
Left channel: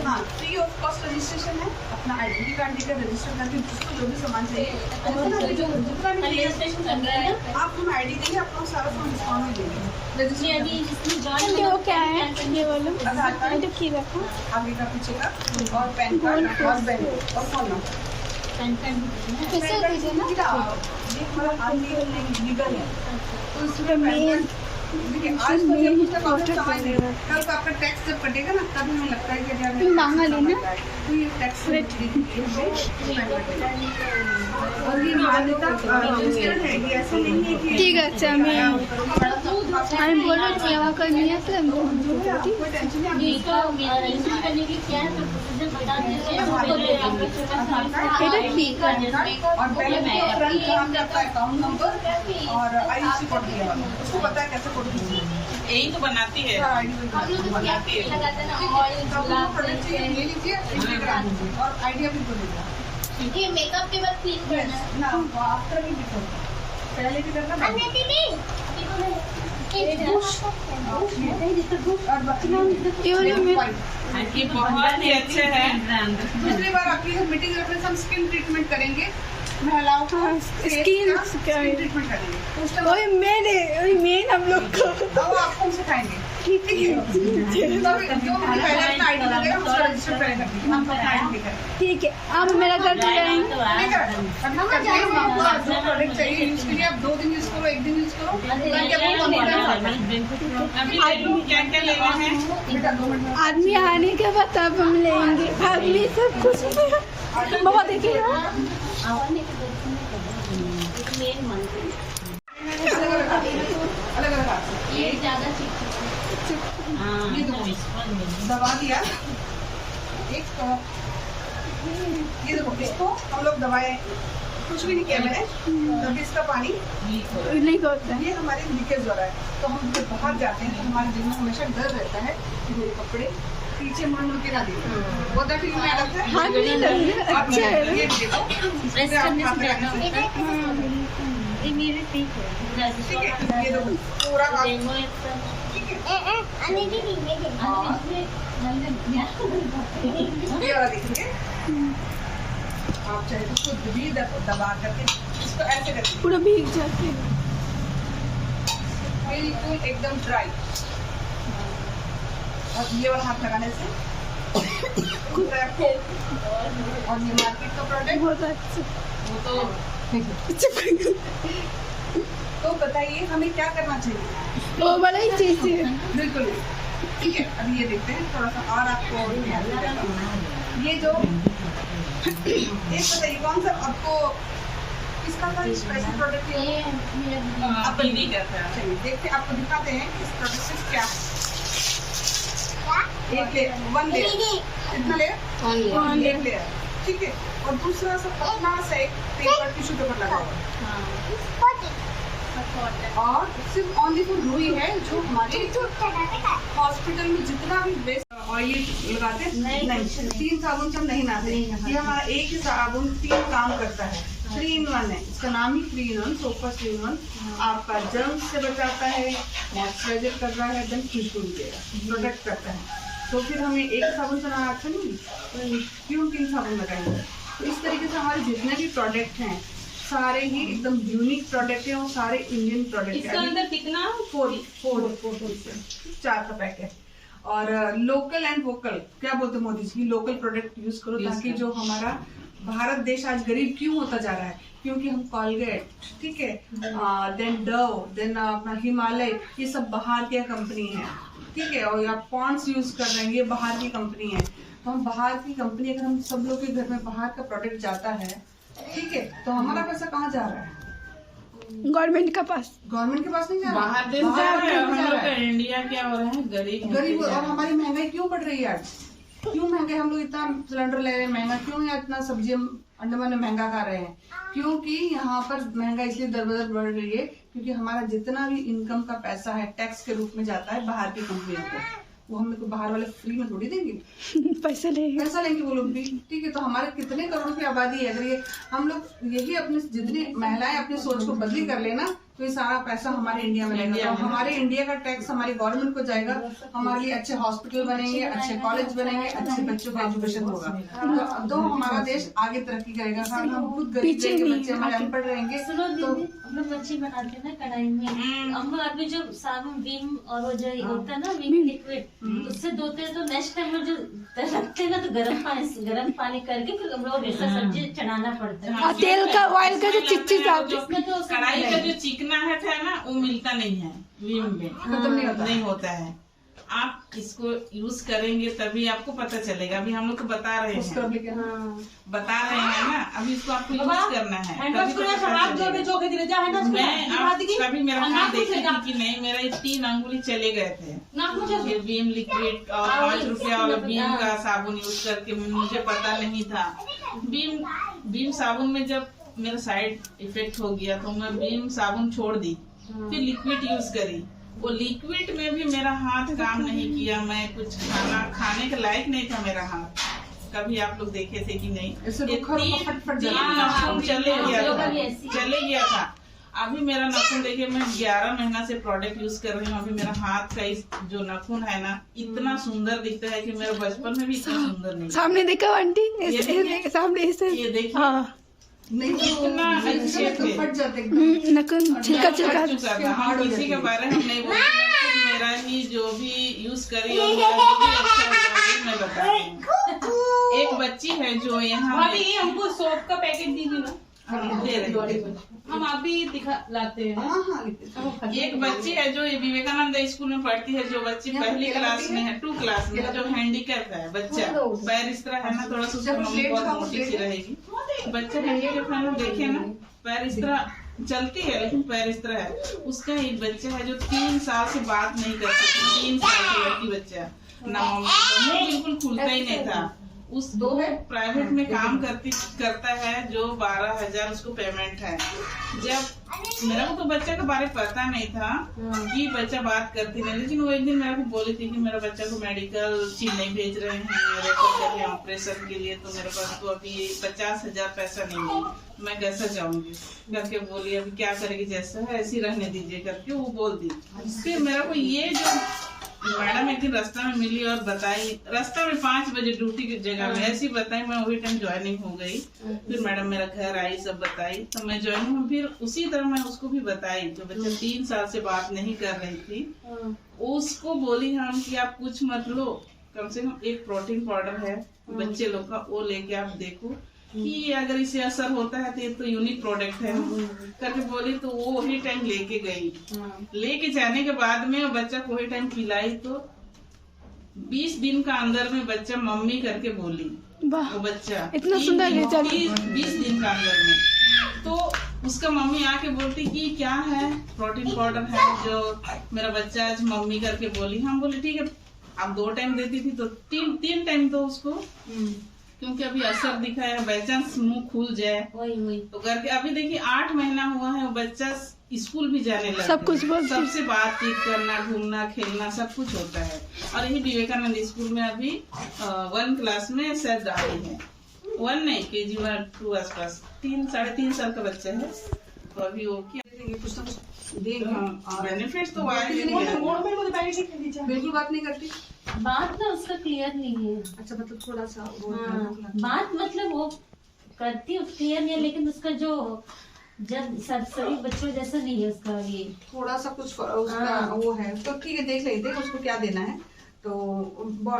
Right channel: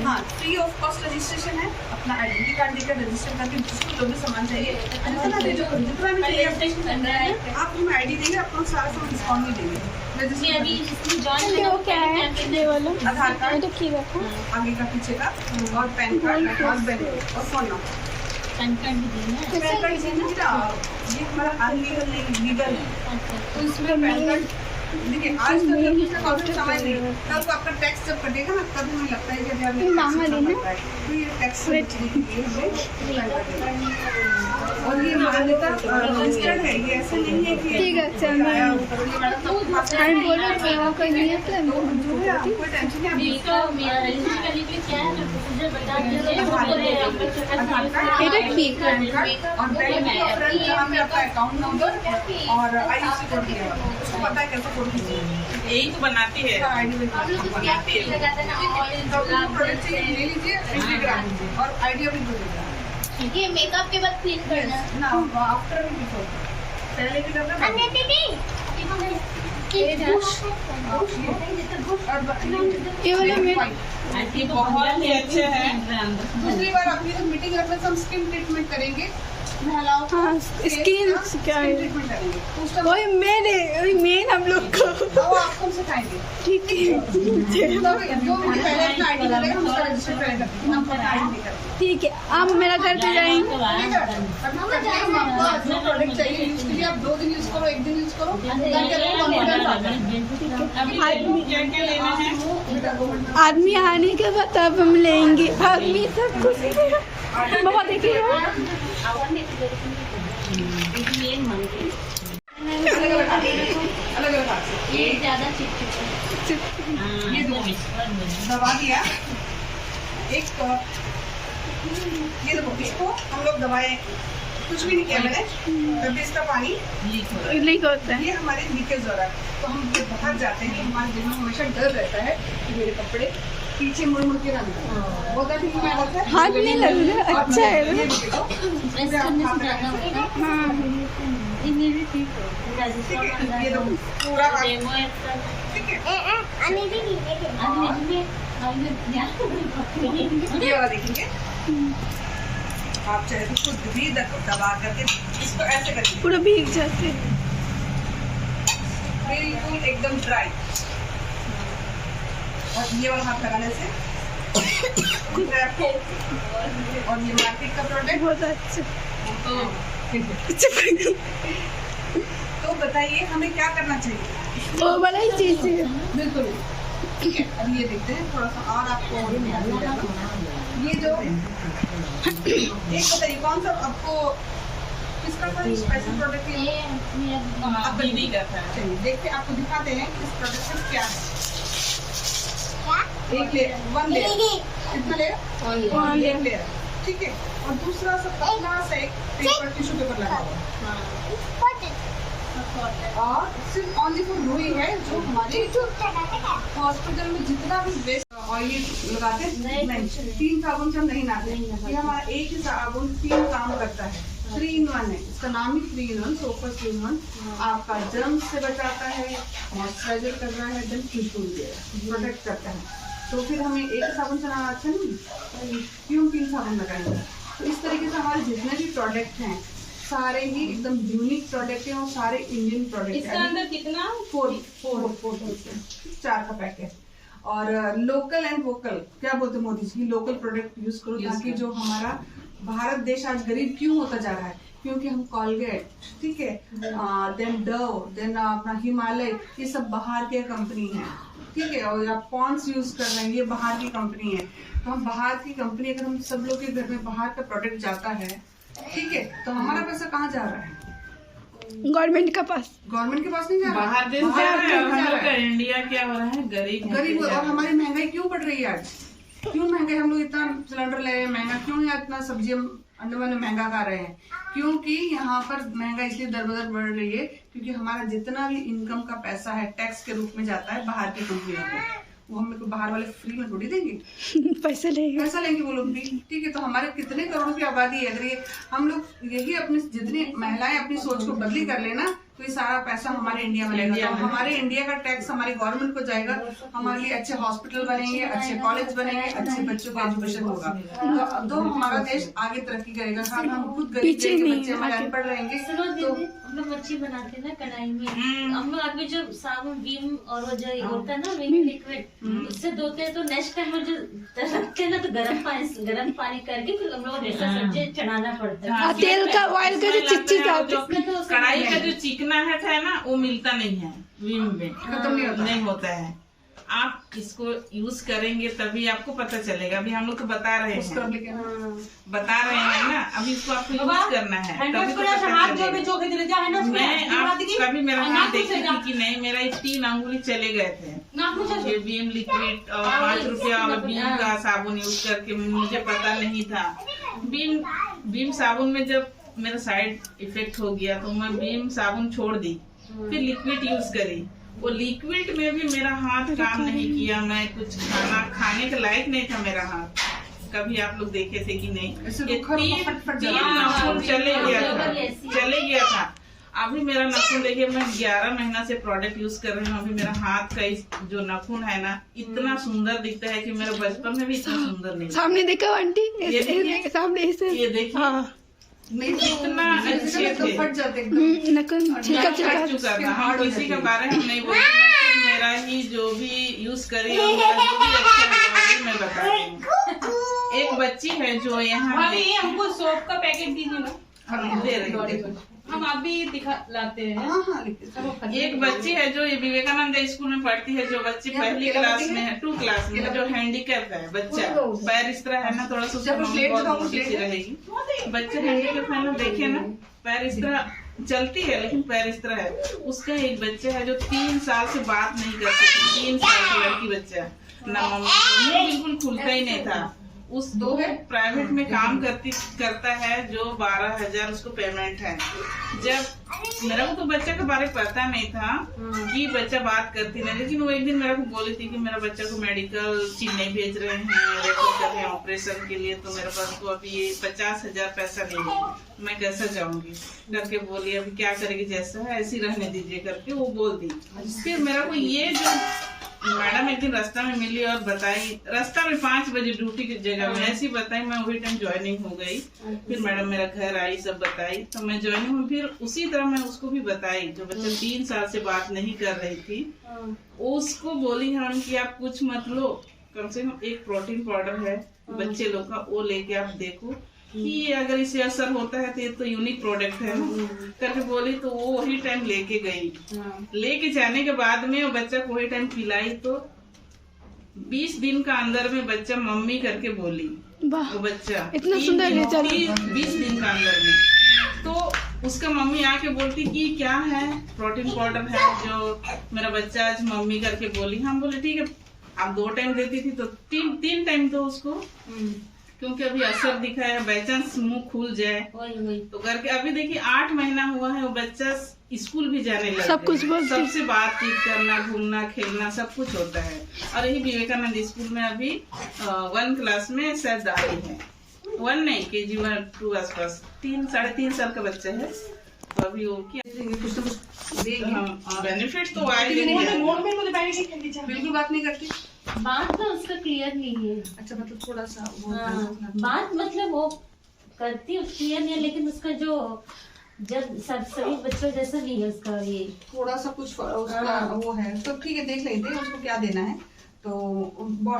हाँ, फ्री ऑफ कॉस्ट रजिस्ट्रेशन है। अपना आइडेंटिटी कार्ड देकर रजिस्टर करके जिसको जो भी सामान चाहिए, जितना भी चाहिए आप हमें आईडी देंगे, आपको सारा सामान डिस्काउंट में देंगे। वो क्या है ये वाला? आधार कार्ड रखो आगे का पीछे का, और पैन कार्ड और बैंक और फोन नंबर। पैन कार्ड ये हमारा अनलीगल नहीं, लीगल है, तो इसमें पैन कार्ड देखिए। आज तो जब तक आपको समझ नहीं, कल तो आपका टैक्स जब कटेगा ना, तब हमें लगता है कि अभी आपने मांगा लेना, तो ये टैक्स और ये मान्यता रजिस्टर्ड है, ये ऐसे नहीं है कि ठीक है। अच्छा मैं बोल रही थी वहाँ करनी है तो कोई टेंशन नहीं। এটা কি? पैन कार्ड और बैंक का फ्रंट जहाँ पे आपका अकाउंट नंबर और आईएफएससी कोड दिया हुआ है, उसको पता है कैसे कोड कीजिए। यही तो बनाती है। आईडी बनाती है, प्रोडक्ट चाहिए ले लीजिए, एंट्री करा लीजिए और आईडी अपनी को देगा। ये मेकअप के बाद क्लीन करना है ना, आफ्टर भी बिफोर, पहले की तरह ये बहुत ही अच्छे हैं। दूसरी बार आपकी मीटिंग में हम स्किन ट्रीटमेंट करेंगे, महिलाओं को हाँ, स्किन ट्रीटमेंट करेंगे, तो उसका वही मेन हम लोग को वो आपको हम सिखाएंगे। ठीक है। जो मुझे पहले अपना आईडी देगा, हम उसका रजिस्टर पहले कर देंगे, हम अपना आईडी लेकर ठीक है, आप मेरा घर पे जाएंगे। ठीक है। अभी करके हम आपको जो प्रोडक्ट चाहिए यूज के लिए आप 2 दिन यूज करो, 1 दिन यूज करो, ताकि आपको कॉन्फिडेंस आ जाए। अभी क्या क्या लेना है? आदमी आने के बाद तब हम लेंगे, आदमी सब कुछ बहुत देखिए अलग अलग हाथ से ये ज्यादा ये दो दबा दिया एक तो ये देखो, इसको हम लोग दबाए कुछ भी नहीं किया मैंने, तभी इसका पानी लीक होता है। ये हमारे लीकेज हो रहा है, तो हम जब बाहर जाते हैं तो हमारे दिल में हमेशा डर रहता है कि मेरे कपड़े पीछे मुड़ मुड़ के ना दिखे। वो फील में लगता है, हाथ नहीं लग रहा, अच्छा है ना? ये देखो, प्रेस करने से ज्यादा होता है। हाँ ये मेरे ठीक है, ठीक है। ये देखो पूरा हाथ, ठीक है। ये वाला देखेंगे, आप चाहे तो खुद भी दबा करके इसको ऐसे करके पूरा भीग जाते हैं। बिल्कुल एकदम ड्राई, और ये वाला हाथ लगाने से और ये मार्केट का प्रोडक्ट बहुत अच्छा। तो बताइए हमें क्या करना चाहिए? वो वाला ही चीज है। बिल्कुल ठीक है। अभी ये देखते हैं थोड़ा सा और आपको ये जो एक बताइए कौन सा आपको किसका कोई स्पेशल प्रोडक्ट है? ये मेरा आप दीदी चलिए देखते हैं, आपको दिखाते हैं कि इस प्रोडक्ट से क्या है। एक लेयर, 1 लेयर, कितना लेयर? एक लेयर, ठीक है। और दूसरा सा पतला सा एक पेपर टिश्यू पेपर लगा हुआ है, और सिर्फ ऑनली फॉर रुई है, जो हमारे हॉस्पिटल में जितना भी वेस्ट ऑयल लगाते हैं नहीं, 3 साबुन से हम नहीं नहाते। ये हमारा एक ही साबुन 3 काम करता है, 3 in 1 है, इसका नाम ही 3 in 1, सोफा 3 in 1। आपका जर्म्स से बचाता है, मॉइस्चराइजर कर रहा है, देन खुशबू देगा, प्रोटेक्ट करता है। तो फिर हमें एक साबुन से नहाना अच्छा नहीं, क्यों 3 साबुन लगाएंगे? तो इस तरीके से हमारे जितने भी प्रोडक्ट हैं सारे ही एकदम यूनिक प्रोडक्ट हैं, और सारे इंडियन प्रोडक्ट हैं। इसका अंदर कितना? 4 का पैक है। और लोकल एंड वोकल क्या बोलते हैं Modi ji, local product use करो, ताकि जो हमारा भारत देश आज गरीब क्यों होता जा रहा है, क्योंकि हम कॉलगेट, ठीक है, देन डव, देन अपना हिमालय, ये सब बाहर की कंपनी है, ठीक है। और आप पॉन्ड्स यूज कर रहे हैं, ये बाहर की कंपनी है। तो हम बाहर की कंपनी, अगर हम सब लोग के घर में बाहर का प्रोडक्ट जाता है, ठीक है, तो हमारा पैसा कहाँ जा रहा है? गवर्नमेंट के पास नहीं जा रहा, बाहर देश जा रहा है। हम लोग का इंडिया क्या हो रहा है, गरीब और हमारी महंगाई क्यों बढ़ रही है आज? क्यों महंगाई? हम लोग इतना सिलेंडर ले रहे हैं महंगा क्यों है? इतना सब्जी हम अंडमान में महंगा खा रहे हैं क्योंकि यहाँ पर महंगाई इसलिए दर बदर बढ़ रही है क्योंकि हमारा जितना भी इनकम का पैसा है टैक्स के रूप में जाता है बाहर की कंपनियों को। वो हमें को बाहर वाले फ्री में थोड़ी देंगे, पैसा लेंगे वो लोग भी। ठीक है, तो हमारे कितने करोड़ की आबादी है, अगर ये हम लोग यही अपनी जितनी महिलाएं अपनी सोच को बदली कर लेना तो ये सारा पैसा हमारे इंडिया में लगेगा। तो हमारे इंडिया का टैक्स हमारी गवर्नमेंट को जाएगा, हमारे लिए अच्छे हॉस्पिटल बनेंगे, अच्छे कॉलेज बनेंगे, अच्छे बच्चों का एजुकेशन होगा तो हमारा देश आगे तरक्की करेगा। हम खुद गरीब रहेंगे, बच्चे हमारे अनपढ़ रहेंगे। तो हम लोग मच्छी बनाते हैं ना कढ़ाई में, हम लोग अभी जो साबुन विम और वो जो होता है ना विम लिक्विड उससे धोते हैं तो नेक्स्ट टाइम में जो रखते हैं ना तो गर्म पानी करके फिर हम लोग दूसरा सब्जी चढ़ाना पड़ता है। तेल का ऑयल का जो चिपचिप कढ़ाई का जो चिकनाहट है ना वो मिलता नहीं है विम में, खत्म नहीं होता है। आप इसको यूज करेंगे तभी आपको पता चलेगा। अभी हम लोग तो बता रहे हैं ना, अभी इसको आपको यूज करना है तभी तो पता चलेगा। मैं आप कभी मेरा हाथ देखी थी कि नहीं, मेरा 3 अंगुली चले गए थे ये बीम लिक्विड और 5 रुपया वाला बीम का साबुन यूज करके। मुझे पता नहीं था बीम साबुन में जब मेरा साइड इफेक्ट हो गया तो मैं बीम साबुन छोड़ दी, फिर लिक्विड यूज करी। वो लिक्विड में भी मेरा हाथ काम नहीं किया, मैं कुछ खाने के लायक नहीं था मेरा हाथ। कभी आप लोग देखे थे कि नहीं, चले गया था। अभी मेरा नाखून देखिए, मैं 11 महीना से प्रोडक्ट यूज कर रही हूँ। अभी मेरा हाथ का जो नाखून है ना इतना सुंदर दिखता है कि मेरा बचपन में भी इतना सुंदर नहीं। सामने देखा आंटी, सामने ये देखिए नहीं इतना अच्छे थे, फट जाते छिलका किसी के बारे में हम नहीं बोलते। मेरा ही जो भी यूज करी और मेरा जो भी अच्छा है मैं बता रही हूँ। एक बच्ची है जो यहाँ हमको सोप का पैकेट दीजिए ना, दे रही है। हम अभी दिखाते हैं। एक बच्ची है जो विवेकानंद स्कूल में पढ़ती है, जो बच्ची पहली क्लास में है, 2 क्लास में, जो हैंडीकैप है बच्चा, पैर इस तरह है ना, थोड़ा सा रहेगी। बच्चा हैंडीकैप है ना, देखे ना पैर इस तरह चलती है लेकिन पैर इस तरह है। उसका एक बच्चा है जो 3 साल से बात नहीं कर सकती, 3 साल का लड़की बच्चा ना, मम्मी बिल्कुल खुलता ही नहीं था। उस दो प्राइवेट में काम करता है जो 12,000 उसको पेमेंट है। जब मेरा को तो बच्चा के बारे में पता नहीं था कि बच्चा बात करती नहीं, लेकिन वो एक दिन मेरे को बोली थी कि मेरा बच्चा को मेडिकल चेन्नई भेज रहे हैं, रेफर कर रहे हैं ऑपरेशन के लिए, तो मेरे पास तो अभी 50,000 पैसा नहीं है, मैं कैसे जाऊंगी करके बोली। अभी क्या करेगी, जैसा है ऐसी रहने दीजिए करके वो बोल दी। फिर मेरा को ये जो मैडम एक दिन रास्ता में मिली और बताई, रास्ता में 5 बजे ड्यूटी की जगह में ऐसी बताई, मैं वही टाइम ज्वाइनिंग हो गई। फिर मैडम मेरा घर आई, सब बताई, तो मैं ज्वाइनिंग हूँ। फिर उसी तरह मैं उसको भी बताई, जो बच्चा 3 साल से बात नहीं कर रही थी, उसको बोली हम कि आप कुछ मत लो, कम से कम एक प्रोटीन पाउडर है बच्चे लोग का, वो लेके आप देखो कि अगर इसे असर होता है तो ये तो यूनिक प्रोडक्ट है करके बोली। तो वो वही टाइम लेके गई। लेके जाने के बाद में वो बच्चा को वही टाइम पिलाई तो 20 दिन का अंदर में बच्चा मम्मी करके बोली। वो बच्चा इतना सुंदर रिजल्ट 20 दिन का अंदर में। तो उसका मम्मी आके बोलती कि क्या है, प्रोटीन पाउडर है जो मेरा बच्चा आज मम्मी करके बोली। हम बोले ठीक है, आप 2 टाइम देती थी तो 3 टाइम दो उसको, क्योंकि अभी असर दिखा है, बाई चांस मुंह खुल जाए तो करके। अभी देखिए 8 महीना हुआ है, वो बच्चा स्कूल भी जाने लगा, सब कुछ सबसे बातचीत करना, घूमना, खेलना सब कुछ होता है। और यही विवेकानंद स्कूल में अभी 1 क्लास में शायद आई है, 1 नहीं KG 1 2 आसपास, 3-3.5 साल का बच्चा है। तो अभी वो क्या बेनिफिट तो आएंगे। बिल्कुल बात नहीं करती, बात ना उसका क्लियर नहीं है। अच्छा, मतलब थोड़ा सा वो बात मतलब वो करती क्लियर नहीं है, लेकिन उसका जो जब सभी बच्चों जैसा नहीं है उसका, ये थोड़ा सा कुछ उसका वो है। तो ठीक है, देख लेते हैं उसको क्या देना है। तो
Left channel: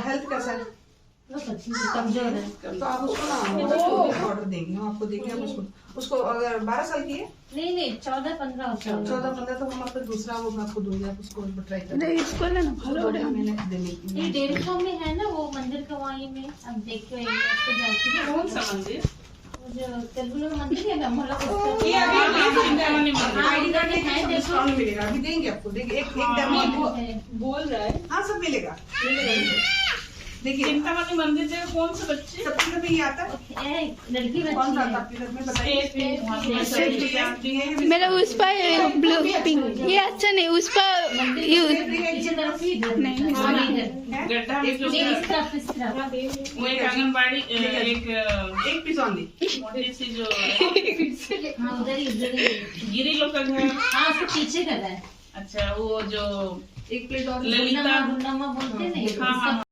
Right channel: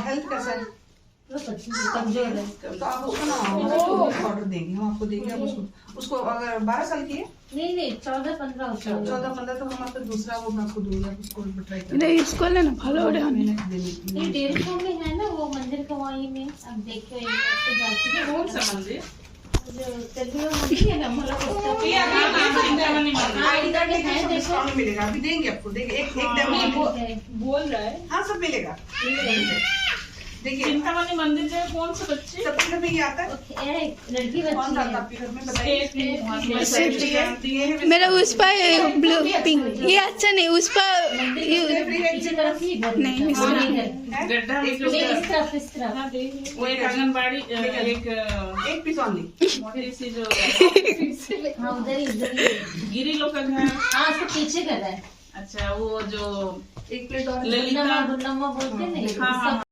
हेल्थ कैसा है, कमजोर है, तो आप उसको ना ऑर्डर देंगे, हम आपको देंगे। आप उसको अगर 12 साल की है, नहीं 14-15 होता है, 14-15 तो हम आपको दूसरा वो मैं आपको दूंगी, आप उसको ट्राई करें। नहीं, इसको लेना फॉलो ये डेयरी फार्म में है ना वो मंदिर का, वहीं में अब देखिए जाती है। कौन सा मंदिर? मंदिर है, हम लोग चिंतामणि मंदिर। डिस्काउंट है, देखो। डिस्काउंट मिलेगा, अभी देंगे आपको, देंगे एक डेमो। बोल रहा है हाँ सब मिलेगा, देखिए चिंता वाली मंदिर जगह कौन से बच्चे सबके घर में ये आता है। लड़की कौन बच्ची सा आता है। है आपके घर में बताइए। सेफ्टी ये है मेरा उस पर ब्लू पिंक, ये अच्छा नहीं, उस पर पीछे तरफ ही घर नहीं, है। इस हाँ, तरफ। इधर। गड्ढा में जो इस तरफ इस तरफ वो एक आंगनबाड़ी एक पीस ऑनली। मोटी सी जो हाँ उधर ही गिरी लोग का घर। हाँ उसको पीछे कर रहा है। अच्छा वो जो एक प्लेट और ललिता गुंडम्मा बोलते हैं ना, हाँ, हाँ,